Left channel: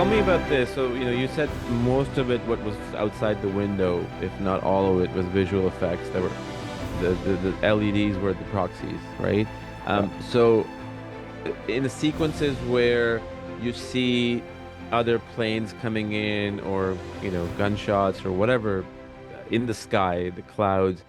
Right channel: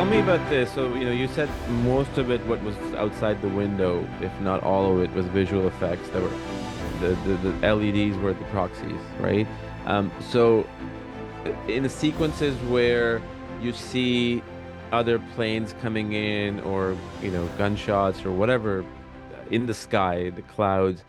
tell me about this. So, you said most of it, what was outside the window, if not all of it, was visual effects that were the LEDs were the proxies, right? Yeah. So in the sequences where you see other planes coming in or, gunshots or whatever in the sky, the clouds,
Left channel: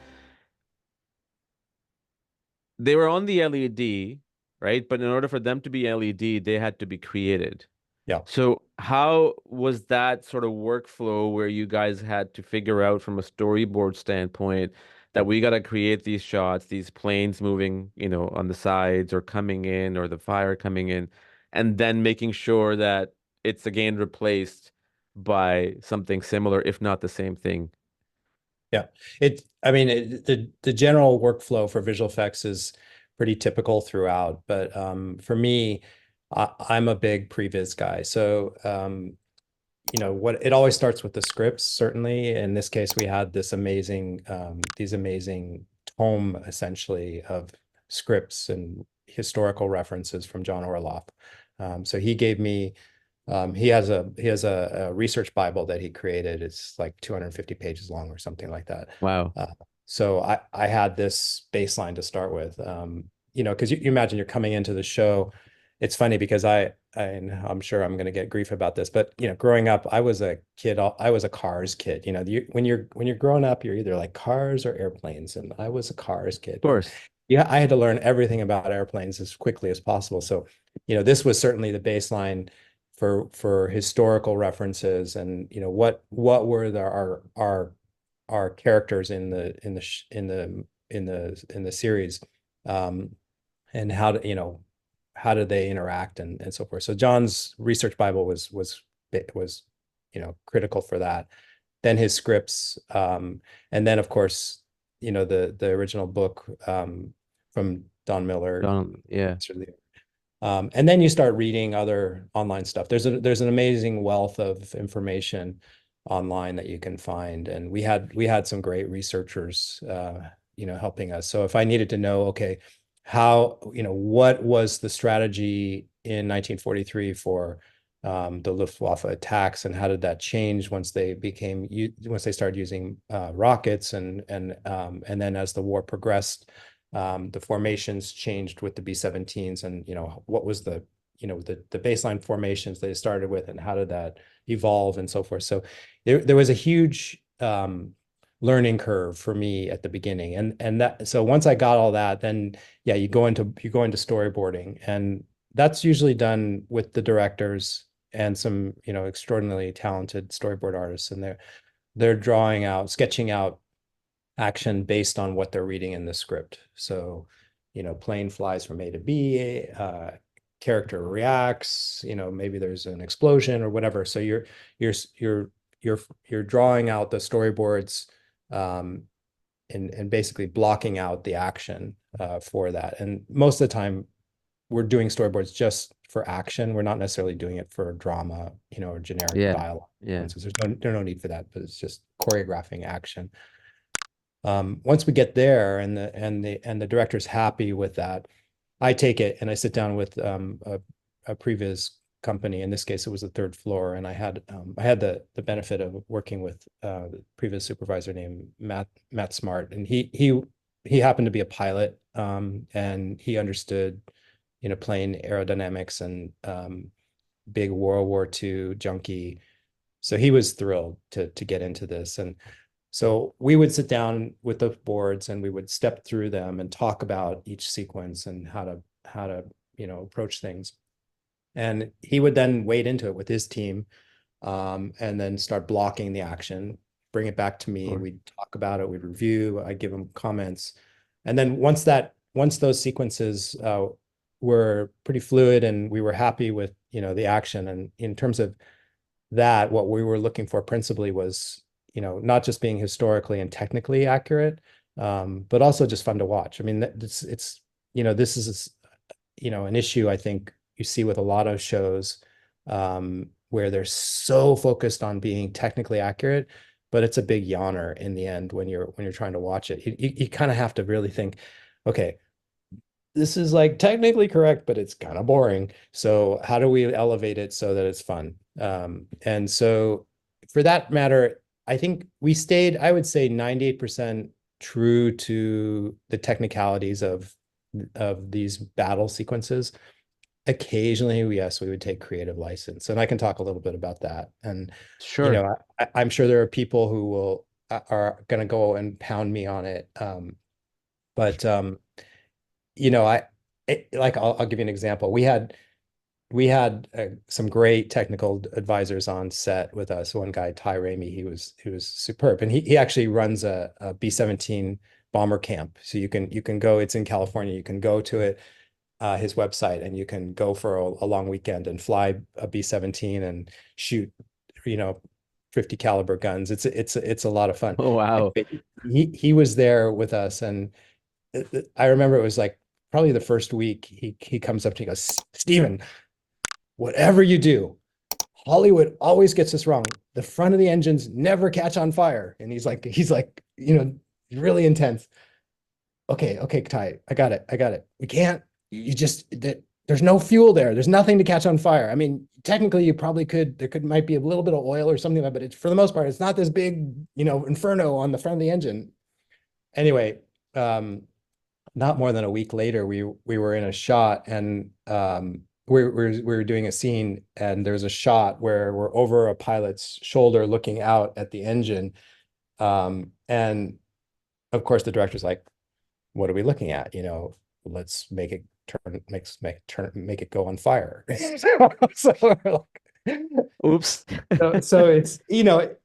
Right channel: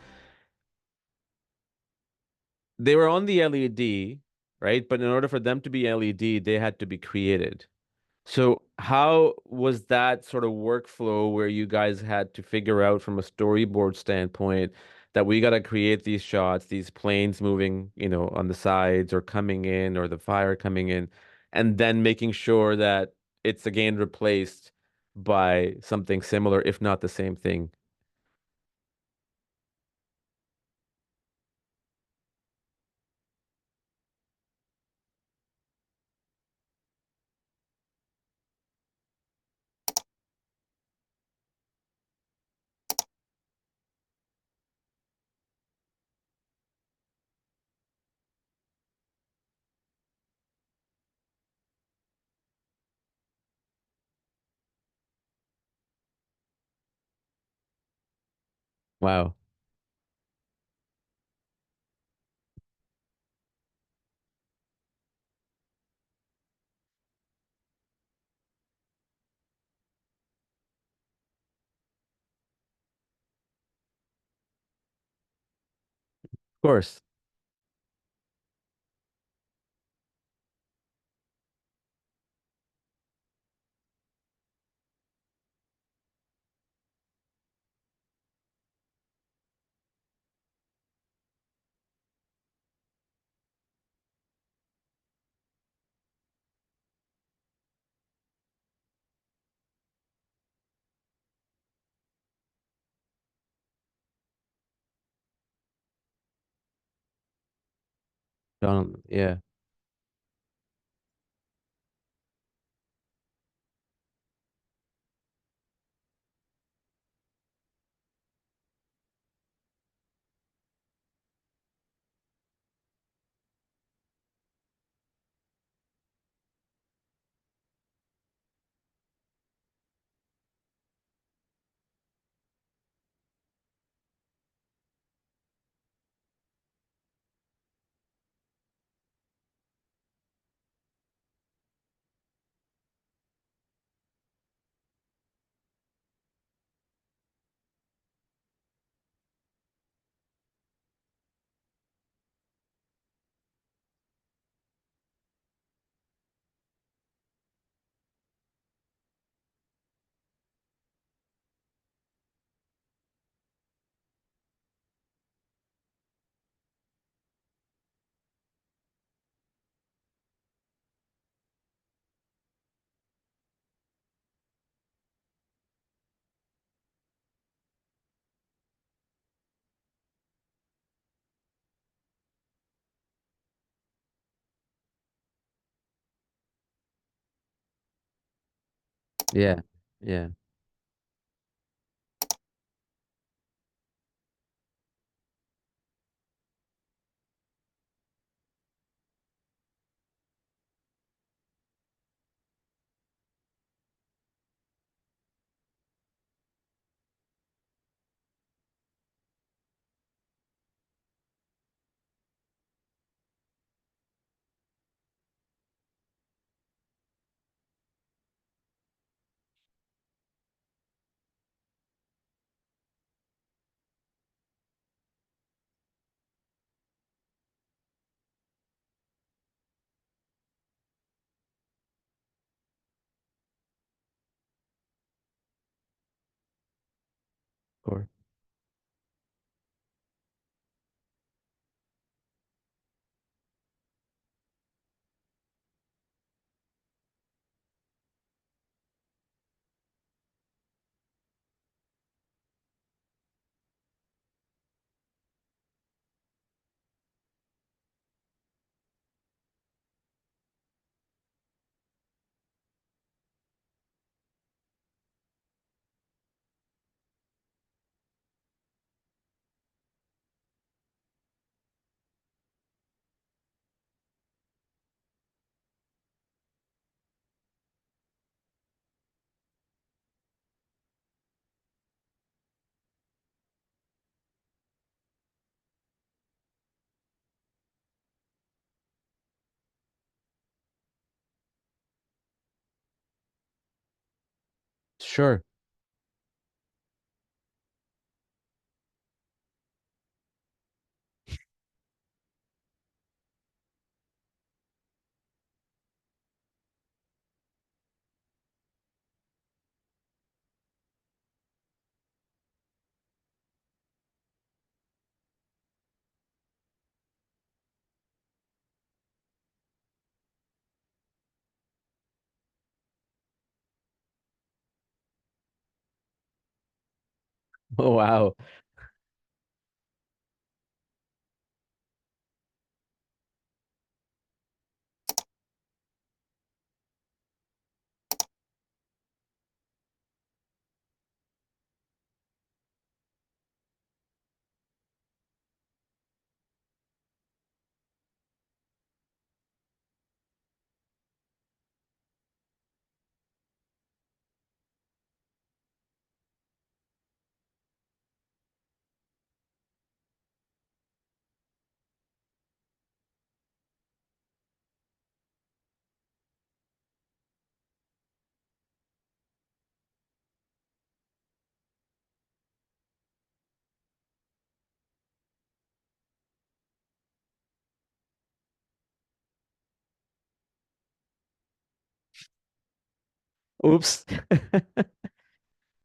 they were on the LED, right? But in order for them to be LED, they had to be created. Yeah. So how was that sort of workflow where you guys had to figure out from a storyboard standpoint that we got to create these shots, these planes moving, on the sides or coming in or the fire coming in, and then making sure that it's again replaced by something similar, if not the same thing? Yeah. I mean, the general workflow for visual effects is pretty typical throughout, but for me, I'm a big previs guy. So, what it always starts with the scripts, certainly. In this case, we had these amazing tome essentially of scripts and historical references from John Orloff. So he gave me he has a research Bible that he created. It's like 250 pages long or something like that. Wow. Uh, so I had this baseline to start with. Because you imagine you're coming into the show. It's funny because and I'm sure I'm going to get grief about this, but growing up, I was a kid. I was a cars kid. When you're growing up, you're either like cars or airplanes, and I was a cars kid. Of course. Yeah, I had to learn everything about airplanes as quickly as possible. So, this was certainly the baseline for historical references, and what were our characters in the series, um, and how did they interact and so forth. So John's research Bible was critical for that. Then his scripts, and then of course the original book from Don Miller. Donald, yeah. And then you start reading other online stuff. There's an amazing wealth of information online that you can find, and we had some great researchers, helping us. So if I needed to know, okay, what was the strategy in 1943 for the Luftwaffe attacks, and how did that change once they started using rockets, and then as the war progressed, the formations changed with the B-17s, and what was the baseline formations they started with, and how did that evolve and so forth. So there was a huge learning curve for me at the beginning, and that so once I got all that, then yeah, you go into storyboarding, and that's usually done with the directors and some extraordinarily talented storyboard artists, and they're sketching out action based on what they're reading in the script. So, plane flies from A to B, character reacts, maybe there's an explosion or whatever. So you're you're you're drawing out the storyboards, um, and basically blocking out the action for that. And most of the time, we're doing storyboards just for action. We're not necessarily doing it for drama, or generic Yeah. dialogue. Yeah. So there's no need for that, but it's just choreographing action. Once we get there, and the director's happy with that, I take it and I sit down with a previous company. In this case, it was the third floor, and I had the benefit of working with the previous supervisor named Matt Smart, and he happened to be a pilot, and he understood plane aerodynamics, and big World War II junkie. So he was thrilled to get into this. And so we would sit down with the boards, and we would step through them and talk about each sequence and how to approach things. And he would then wade into it with his team, and then start blocking the action, bring it back to Of me. course. We'd talk about it, we'd review, I'd give him comments. And then once those sequences were pretty fluid, and we were happy with the action, and in terms of that, what we were looking for principally was not just being historically and technically accurate, but also just fun to watch. I mean, this is an issue I think you see with a lot of shows, where they're so focused on being technically accurate, but it's a big yawner in the end when you're trying to watch it. You kind of have to really think, okay, this is like technically correct, but it's kind of boring. So how do we elevate it so that it's fun? And so for that matter, I think we stayed, I would say 98% true to the technicalities of these battle sequences. Occasionally, yes, we would take creative license, and I can talk a little bit about that. And Sure. I'm sure there are people who will are going to go and pound me on it. But like I'll give you an example. We had some great technical advisors on set with us. One guy, Ty Ramey, he was superb, and he actually runs a B-17 bomber camp. So you can go. It's in California. You can go to it, his website, and you can go for a long weekend and fly a B-17 and shoot, 50 caliber guns. It's a lot of fun. Oh, wow. Anyway, he was there with us, and I remember it was like probably the first week. He comes up to me, he goes, Stephen, whatever you do, Hollywood always gets this wrong. The front of the engines never catch on fire. And he's like, really intense. Okay, Ty, I got it. We can't, there's no fuel there. There's nothing to catch on fire. I mean, technically you probably could, might be a little bit of oil or something like that, but it's, for the most part, it's not this big, inferno on the front of the engine. Anyway, not more than a week later, we were in a shot, and we were doing a scene, and there's a shot where we're over a pilot's shoulder looking out at the engine. And of course the director's like, what are we looking at? Let's make it make it go on fire. So we're like, Oops. so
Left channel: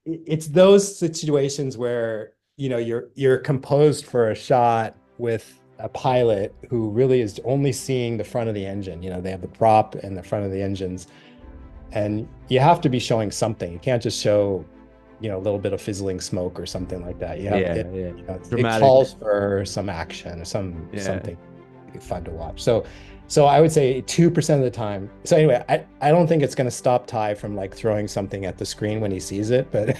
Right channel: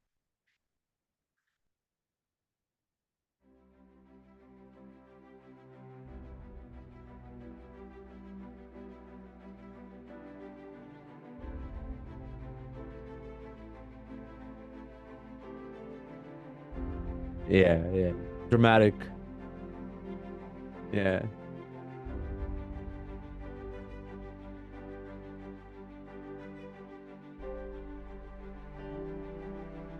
it's those situations where you're composed for a shot with a pilot who really is only seeing the front of the engine. They have the prop and the front of the engines, and you have to be showing something. You can't just show a little bit of fizzling smoke or something like that. It calls for some action, something fun to watch. So I would say 2% of the time. So anyway, I don't think it's going to stop Ty from like throwing something at the screen when he sees it, but